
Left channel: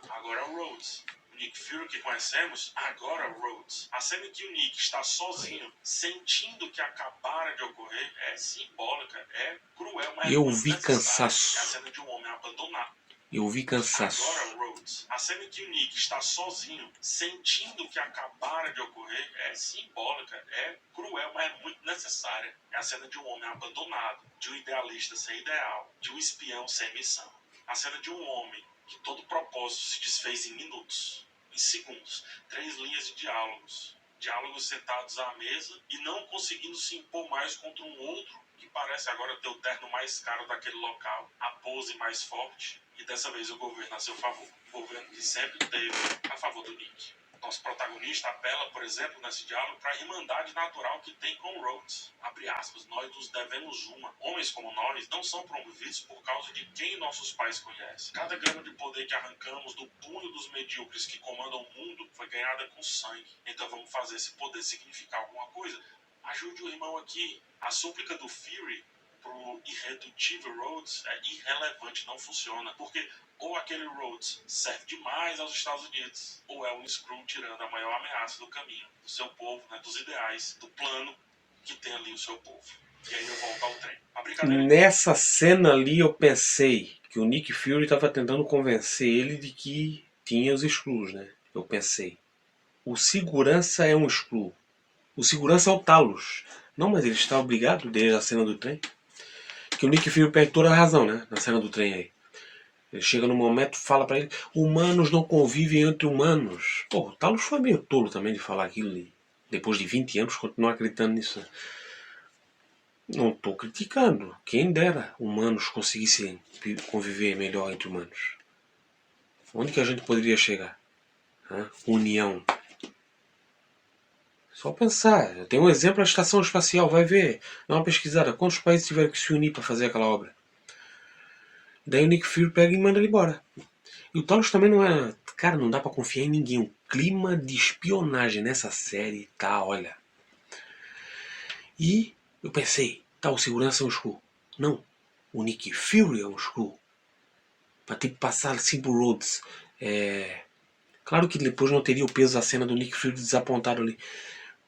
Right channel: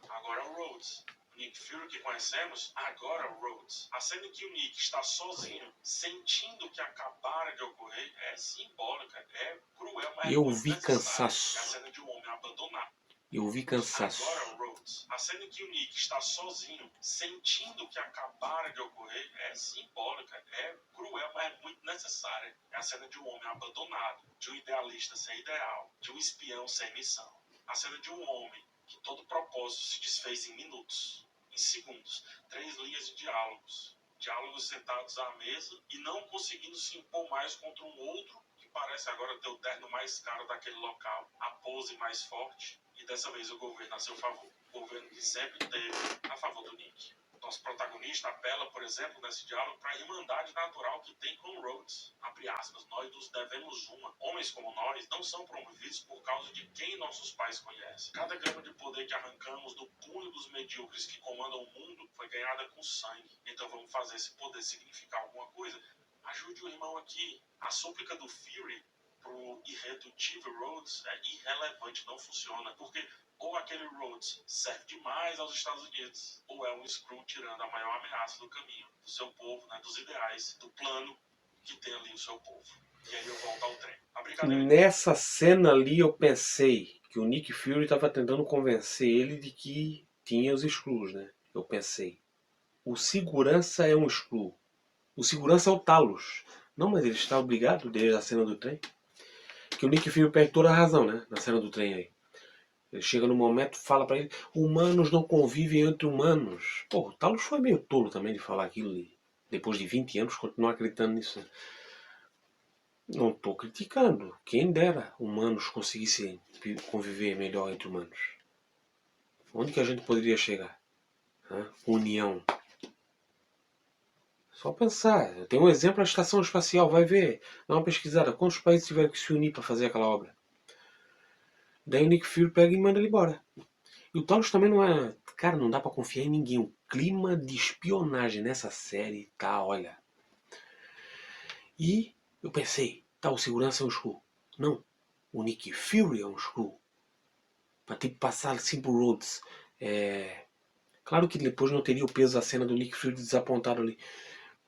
Agora o Rhodes. O Nick Fury que conhecemos, agora o Rhodes. A cena em que o Nick está sozinho, sentindo que acabara de ocorrer, é simbólica, é cruel, mas eu é muito vi necessária. cansaço. É a cena de um homem abandonado. Eu vi cansaço. Agora, Rhodes, a cena em que o Nick está sozinho, sentindo que acabara de ocorrer, é simbólica, é cruel, mas é muito necessária. É a cena de um homem abandonado, de um idealista sem ideal, de um espião sem missão. A cena de um homem que todo propósito se desfez em minutos, em segundos. 3 linhas de diálogos. Diálogos sentados à mesa e não conseguindo se impor mais contra um outro que parece agora ter o terno mais caro daquele local, a pose mais forte. E dessa vez o governo a seu favor. O governo que sempre teve a favor do Nick. Nosso protagonista apela, por exemplo, nesse diálogo para a irmandade natural que tem com o Rhodes. Abre aspas, nós nos devemos uma. Homens como nós não são promovidos por causa de quem nossos pais conhecem. Cada grama de poder que arrancamos do punho dos medíocres que comandam o mundo foi ganhada com sangue. Então vamos fazer esse poder significar alguma coisa. Ajude o irmão aqui. A súplica do Fury pro irredutível Rhodes é irrelevante, não funciona, porque ou aquele Rhodes serve demais aos Estados Unidos, ou é um Skrull tirando a maior ameaça do caminho, do seu povo, né, dos ideais, do plano que tem ali o seu povo. E aí eu volto ao trem. A brincadeira... Nessa cena ali eu pensei que o Nick Fury estava tentando convencer ele de que tinha os Skrulls, né? Eu pensei. O segurança é um Skrull. O segurança é o Talos. Não, mas ele está obrigado desde a cena do trem. Que o Nick Fury perde toda a razão, né? Na cena do trem aí. Ele chega no momento e fala pra ele: humanos não convivem entre humanos. Pô, o Talos foi meio tolo também de falar aquilo. E depois de 20 anos, continuar acreditando nisso. Não estou criticando. Quem dera humanos conseguissem conviver melhor entre humanos. Onde que a gente poderia chegar? União. Só pensar. Tem um exemplo, a estação espacial. Vai ver. Dá uma pesquisada. Quantos países tiveram que se unir para fazer aquela obra? Daí o Nick Fury pega e manda ele embora. E o Talos também não é... Cara, não dá pra confiar em ninguém. O clima de espionagem nessa série tá, olha. E eu pensei, tá, o segurança é um Skrull. Não, o Nick Fury é um Skrull. Pra ter que passar assim pro Rhodes. Claro que depois não teria o peso da cena do Nick Fury desapontado ali.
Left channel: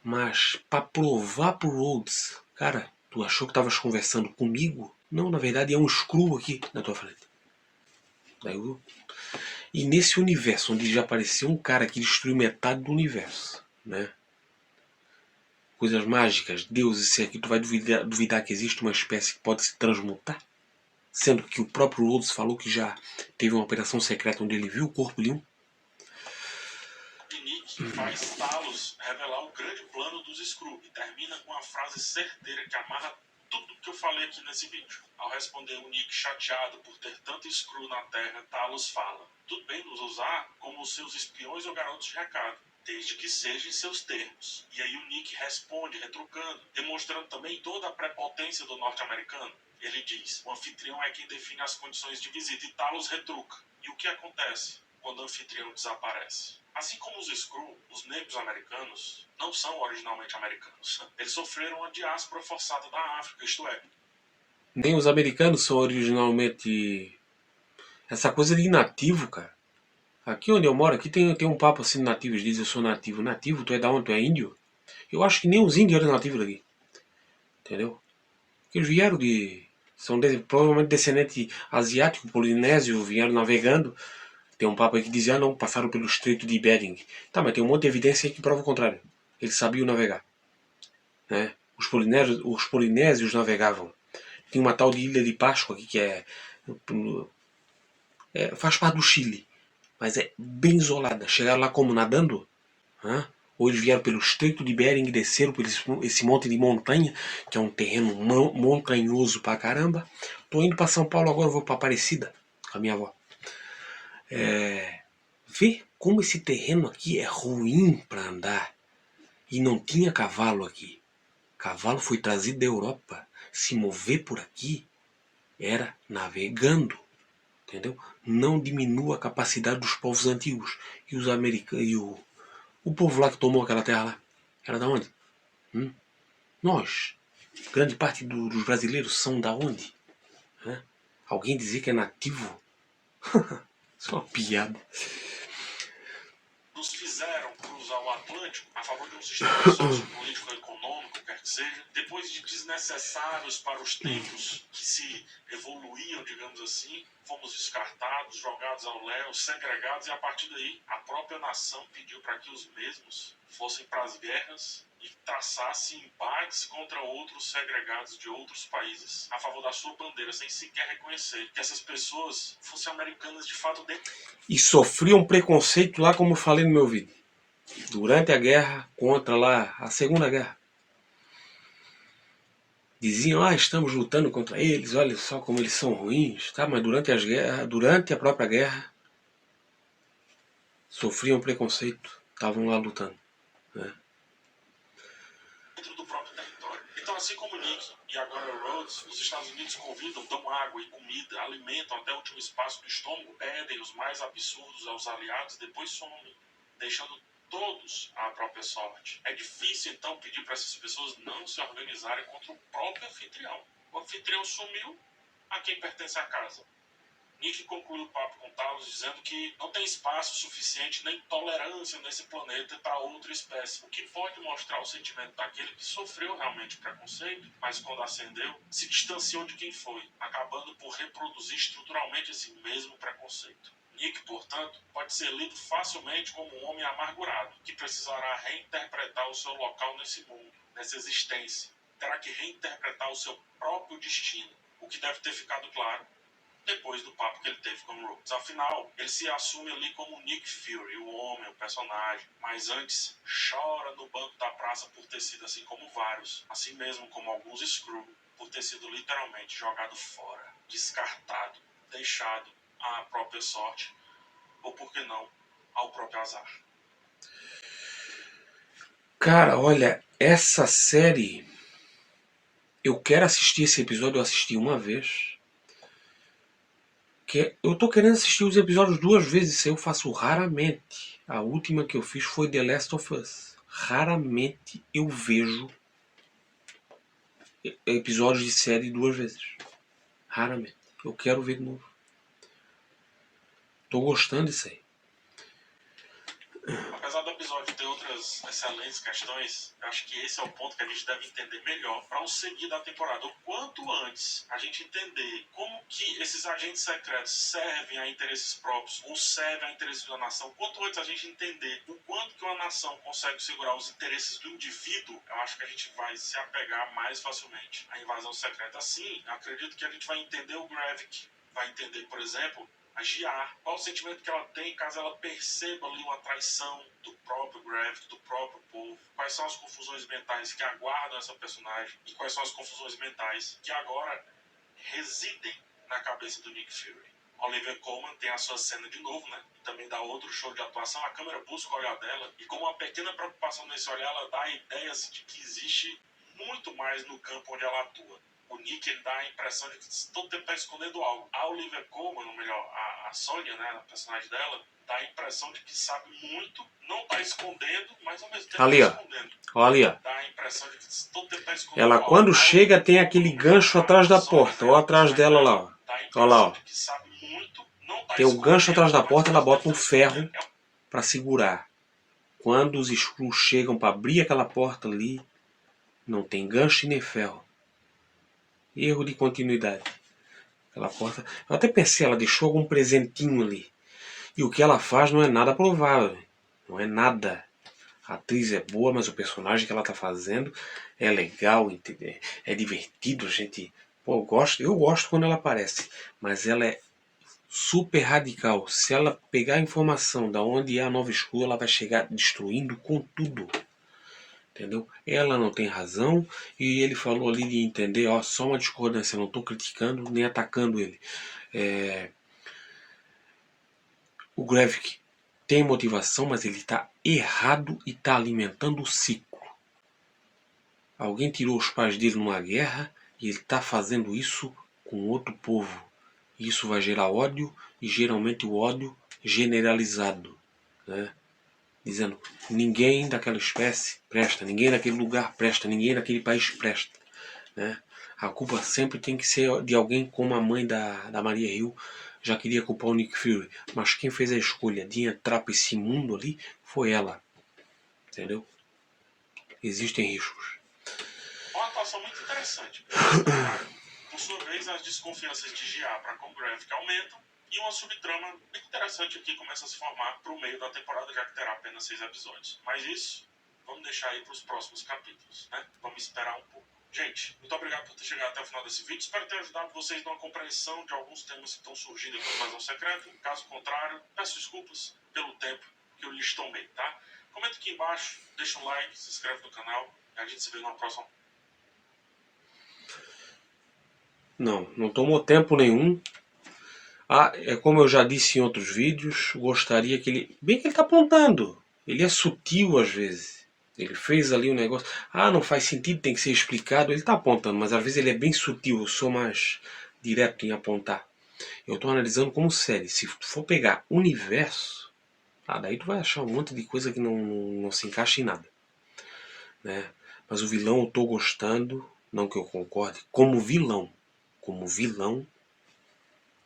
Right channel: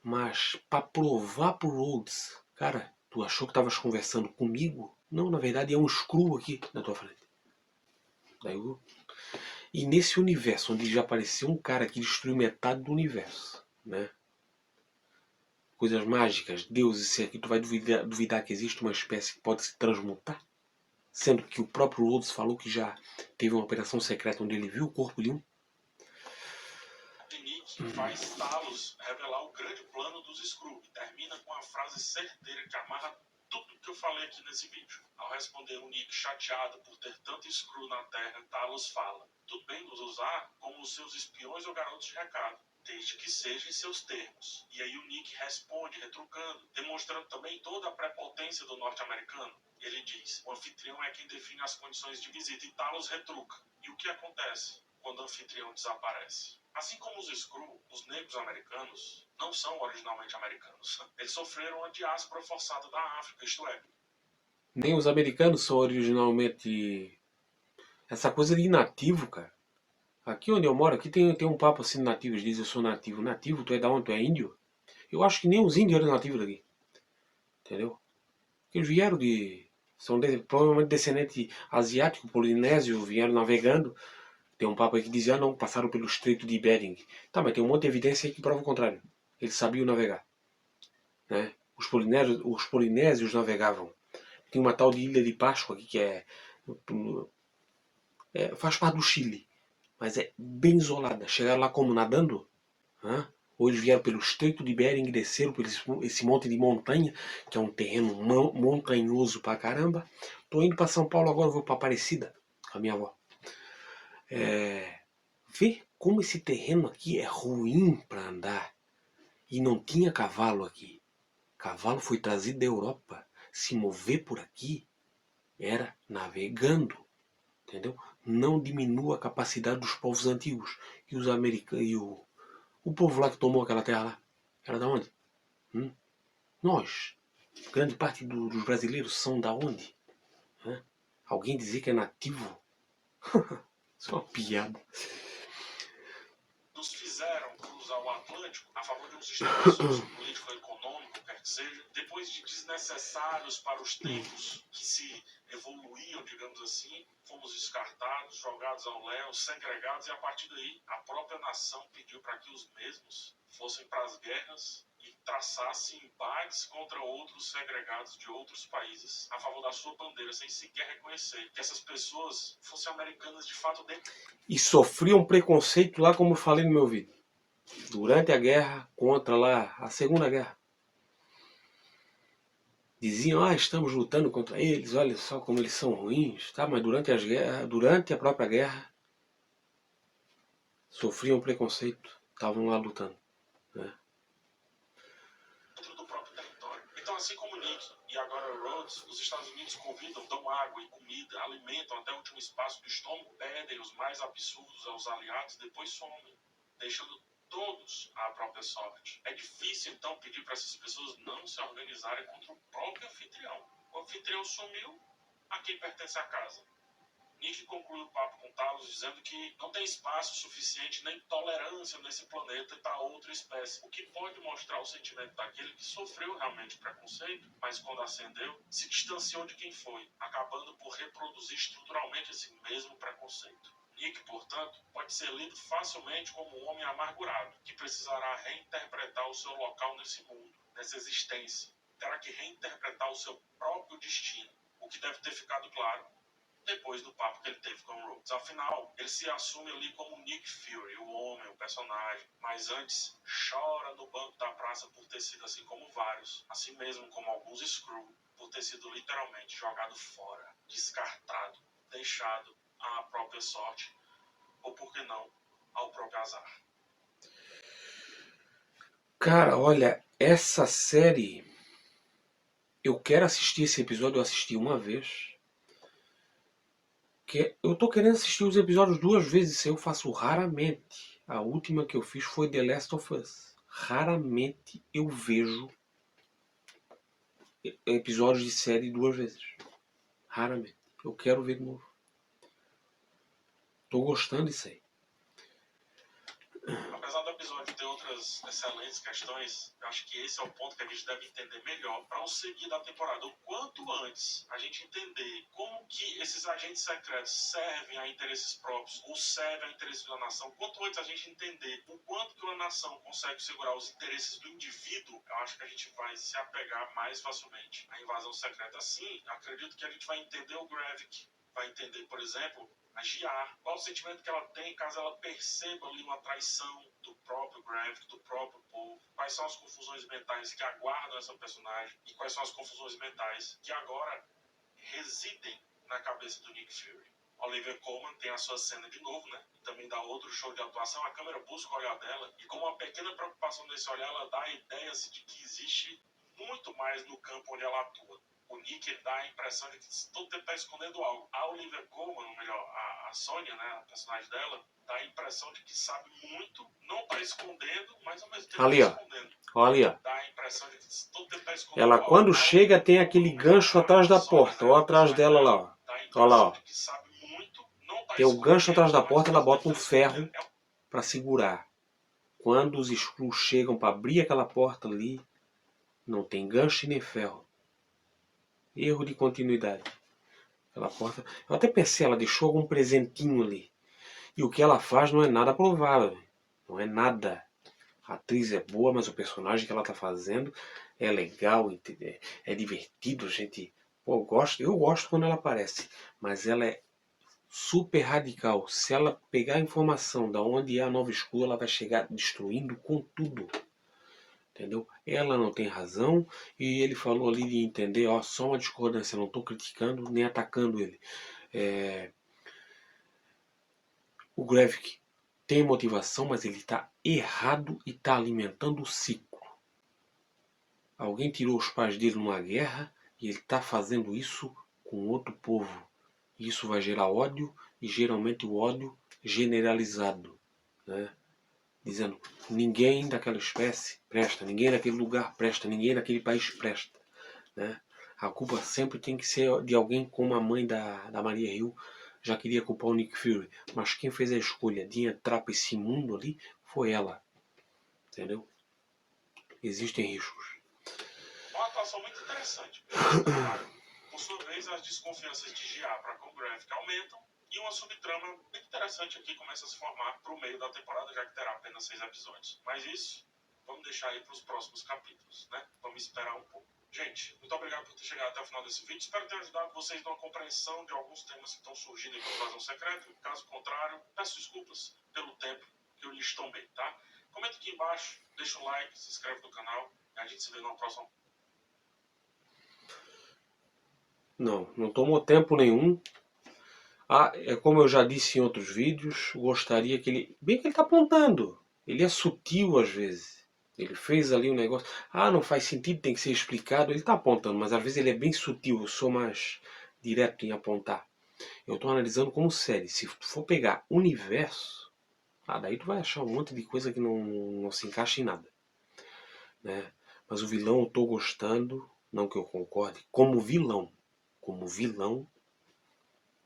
Mas pra provar pro Rhodes, cara, tu achou que tavas conversando comigo? Não, na verdade é um Skrull aqui na tua frente. Daí eu... E nesse universo, onde já apareceu um cara que destruiu metade do universo, né? Coisas mágicas, deuses, se aqui tu vai duvidar que existe uma espécie que pode se transmutar? sendo que o próprio Rhodes falou que já teve uma operação secreta onde ele viu o corpo de um. Nick faz Talos revelar o grande plano dos Skrull e termina com a frase certeira que amarra tudo que eu falei aqui nesse vídeo. Ao responder o Nick chateado por ter tanto Skrull na Terra, Talos fala: tudo bem nos usar como seus espiões ou garotos de recado, desde que seja em seus termos. E aí o Nick responde, retrucando, demonstrando também toda a prepotência do norte-americano. Ele diz: o anfitrião é quem define as condições de visita, e Talos retruca. E o que acontece quando o anfitrião desaparece? Assim como os Skrull, os negros americanos não são originalmente americanos. Eles sofreram uma diáspora forçada da África, isto é, Nem os americanos são originalmente... Essa coisa de nativo, cara. Aqui onde eu moro, aqui tem um papo assim de nativos. Diz: eu sou nativo. Nativo? Tu é da onde? Tu é índio? Eu acho que nem os índios eram nativos daqui. Entendeu? Porque eles vieram de... São provavelmente descendentes asiáticos, polinésio, vieram navegando. Tem um papo aí que dizia: não, passaram pelo Estreito de Bering. Tá, mas tem um monte de evidência aí que prova o contrário. Eles sabiam navegar. Né? Os polinésios navegavam. Tem uma tal de Ilha de Páscoa aqui que faz parte do Chile, mas é bem isolada. Chegaram lá como nadando? Hã? Ou eles vieram pelo Estreito de Bering e desceram por esse monte de montanha, que é um terreno montanhoso pra caramba. Tô indo pra São Paulo agora, vou pra Aparecida com a minha avó. Vê como esse terreno aqui é ruim para andar. E não tinha cavalo aqui. Cavalo foi trazido da Europa. Se mover por aqui era navegando. Entendeu? Não diminua a capacidade dos povos antigos. E os americanos. E o povo lá que tomou aquela terra lá. Era da onde? Nós. Grande parte dos brasileiros são da onde? Hã? Alguém dizer que é nativo? Isso é uma piada. nos fizeram cruzar o Atlântico a favor de um sistema sociopolítico econômico, quer que seja, depois de desnecessários para os tempos que se evoluíam, digamos assim, fomos descartados, jogados ao léu, segregados, e a partir daí a própria nação pediu para que os mesmos fossem para as guerras e traçassem embates contra outros segregados de outros países a favor da sua bandeira, sem sequer reconhecer que essas pessoas fossem americanas de fato. E sofriam preconceito lá, como eu falei no meu vídeo. Durante a guerra, contra lá a Segunda Guerra. Diziam: estamos lutando contra eles, olha só como eles são ruins. Tá, mas durante a própria guerra, sofriam preconceito, estavam lá lutando. Né? Dentro do próprio território. Então, assim como Nick e agora Rhodes, os Estados Unidos convidam, dão água e comida, alimentam até o último espaço do estômago, pedem os mais absurdos aos aliados, depois somem, deixando todos à própria sorte. É difícil, então, pedir para essas pessoas não se organizarem contra o próprio anfitrião. O anfitrião sumiu, a quem pertence a casa. Nick conclui o papo com Talos dizendo que não tem espaço suficiente nem tolerância nesse planeta para outra espécie, o que pode mostrar o sentimento daquele que sofreu realmente preconceito, mas quando ascendeu, se distanciou de quem foi, acabando por reproduzir estruturalmente esse mesmo preconceito. Nick, portanto, pode ser lido facilmente como um homem amargurado, que precisará reinterpretar o seu local nesse mundo, nessa existência. Terá que reinterpretar o seu próprio destino, o que deve ter ficado claro depois do papo que ele teve com o Rhodes. Afinal, ele se assume ali como Nick Fury, o homem, o personagem, mas antes chora no banco da praça por ter sido assim como vários, assim mesmo como alguns Skrull, por ter sido literalmente jogado fora, descartado, deixado à própria sorte, ou por que não, ao próprio azar. Cara, olha, essa série... Eu quero assistir esse episódio, eu assisti uma vez. Eu tô querendo assistir os episódios 2 vezes, isso eu faço raramente. A última que eu fiz foi The Last of Us. Raramente eu vejo episódios de série 2 vezes. Raramente. Eu quero ver de novo. Tô gostando disso aí. apesar do episódio ter outras excelentes questões, eu acho que esse é o ponto que a gente deve entender melhor para o seguir da temporada. O quanto antes a gente entender como que esses agentes secretos servem a interesses próprios ou servem a interesses da nação, quanto antes a gente entender o quanto que uma nação consegue segurar os interesses do indivíduo, eu acho que a gente vai se apegar mais facilmente à invasão secreta. Assim, eu acredito que a gente vai entender o Gravik, vai entender, por exemplo, a Giar, qual o sentimento que ela tem caso ela perceba ali uma traição do próprio Gravik, do próprio povo, quais são as confusões mentais que aguardam essa personagem e quais são as confusões mentais que agora residem na cabeça do Nick Fury. Olivia Colman tem a sua cena de novo, né? E também dá outro show de atuação, a câmera busca o olhar dela e com uma pequena preocupação nesse olhar ela dá a ideia de que existe muito mais no campo onde ela atua. O Nick, ele dá a impressão de que todo tempo está escondendo algo. A Olivia Colman, ou melhor, a Sonya, né, a personagem dela, dá a impressão de que sabe muito, não está escondendo, mas ao mesmo tempo ali, está escondendo. Olha, Dá a impressão de que todo tempo está escondendo ela algo. quando chega tem aquele gancho atrás da porta, ou atrás dela lá, ó. Olha lá, ó. Tem o gancho atrás da porta, ela bota um ferro para segurar. Quando os Skrulls chegam para abrir aquela porta ali, não tem gancho e nem ferro. Erro de continuidade. Aquela porta. Eu até pensei, ela deixou algum presentinho ali. E o que ela faz não é nada provável. Não é nada. A atriz é boa, mas o personagem que ela tá fazendo é legal, é divertido, gente. Pô, eu gosto quando ela aparece. Mas ela é super radical. Se ela pegar a informação da onde é a Nova Skrull, ela vai chegar destruindo com tudo. Entendeu? Ela não tem razão e ele falou ali de entender, ó, só uma discordância, não estou criticando nem atacando ele. O Gravik tem motivação, mas ele está errado e está alimentando o ciclo. Alguém tirou os pais dele numa guerra e ele está fazendo isso com outro povo. Isso vai gerar ódio e geralmente o ódio generalizado, né? Dizendo, ninguém daquela espécie presta, ninguém daquele lugar presta, ninguém daquele país presta, né? A culpa sempre tem que ser de alguém, como a mãe da Maria Hill já queria culpar o Nick Fury, mas quem fez a escolha de entrar para esse mundo ali foi ela, entendeu? Existem riscos. Uma atuação muito interessante. Por sua vez, as desconfianças de Giar para com o Gravik aumentam e uma subtrama bem interessante aqui começa a se formar para o meio da temporada, já que terá apenas 6 episódios. Mas isso, vamos deixar aí para os próximos capítulos, né? Vamos esperar um pouco. Gente, muito obrigado por ter chegado até o final desse vídeo. Espero ter ajudado vocês numa compreensão de alguns temas que estão surgindo aqui no Invasão Secreta. Caso contrário, peço desculpas pelo tempo que eu lhes tomei, tá? Comenta aqui embaixo, deixa um like, se inscreve no canal e a gente se vê numa próxima. Não tomou tempo nenhum. É como eu já disse em outros vídeos, gostaria que ele... Bem que ele está apontando. Ele é sutil às vezes. Ele fez ali um negócio... não faz sentido, tem que ser explicado. Ele está apontando, mas às vezes ele é bem sutil. Eu sou mais direto em apontar. Eu estou analisando como série. Se tu for pegar universo, daí tu vai achar um monte de coisa que não se encaixa em nada, né? Mas o vilão eu estou gostando, não que eu concorde, como vilão,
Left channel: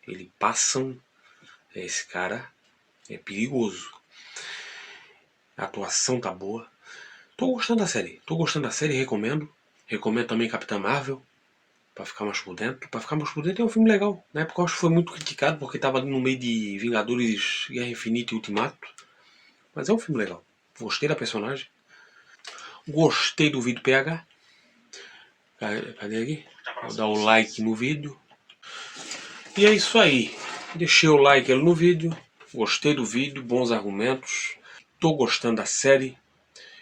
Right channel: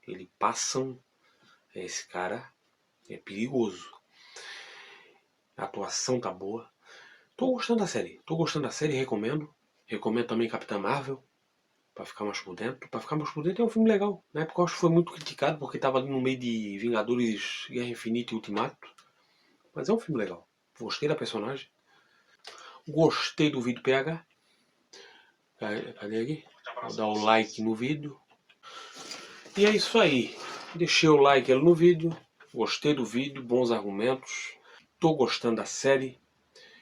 ele passa, esse cara é perigoso. A atuação tá boa. Tô gostando da série, recomendo. Recomendo também Capitã Marvel, pra ficar mais por dentro. É um filme legal. Na época eu acho que foi muito criticado, porque tava ali no meio de Vingadores, Guerra Infinita e Ultimato. Mas é um filme legal. Gostei da personagem. Gostei do vídeo PH. Cadê aqui? Vou dar o like no vídeo. E é isso aí. Deixei o like no vídeo. Gostei do vídeo, bons argumentos. Tô gostando da série.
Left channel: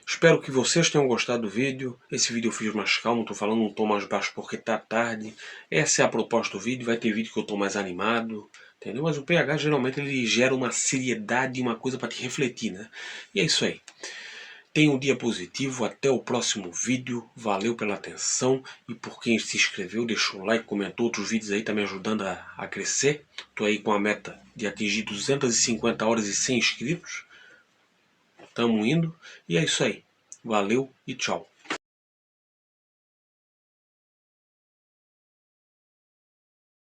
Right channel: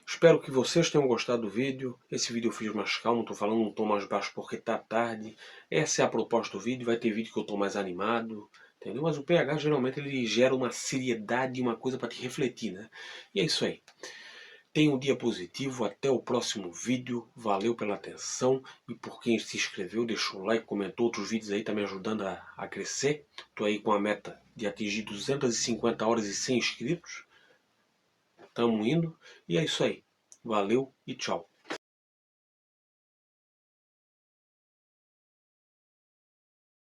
Espero que vocês tenham gostado do vídeo. Esse vídeo eu fiz mais calmo, tô falando um tom mais baixo porque tá tarde. Essa é a proposta do vídeo. Vai ter vídeo que eu tô mais animado, entendeu? Mas o PH geralmente ele gera uma seriedade, uma coisa para te refletir, né? E é isso aí. Tenha um dia positivo, até o próximo vídeo. Valeu pela atenção e por quem se inscreveu, deixou o like, comentou. Outros vídeos aí tá me ajudando a crescer. Tô aí com a meta de atingir 250 horas e 100 inscritos. Tamo indo. E é isso aí. Valeu e tchau.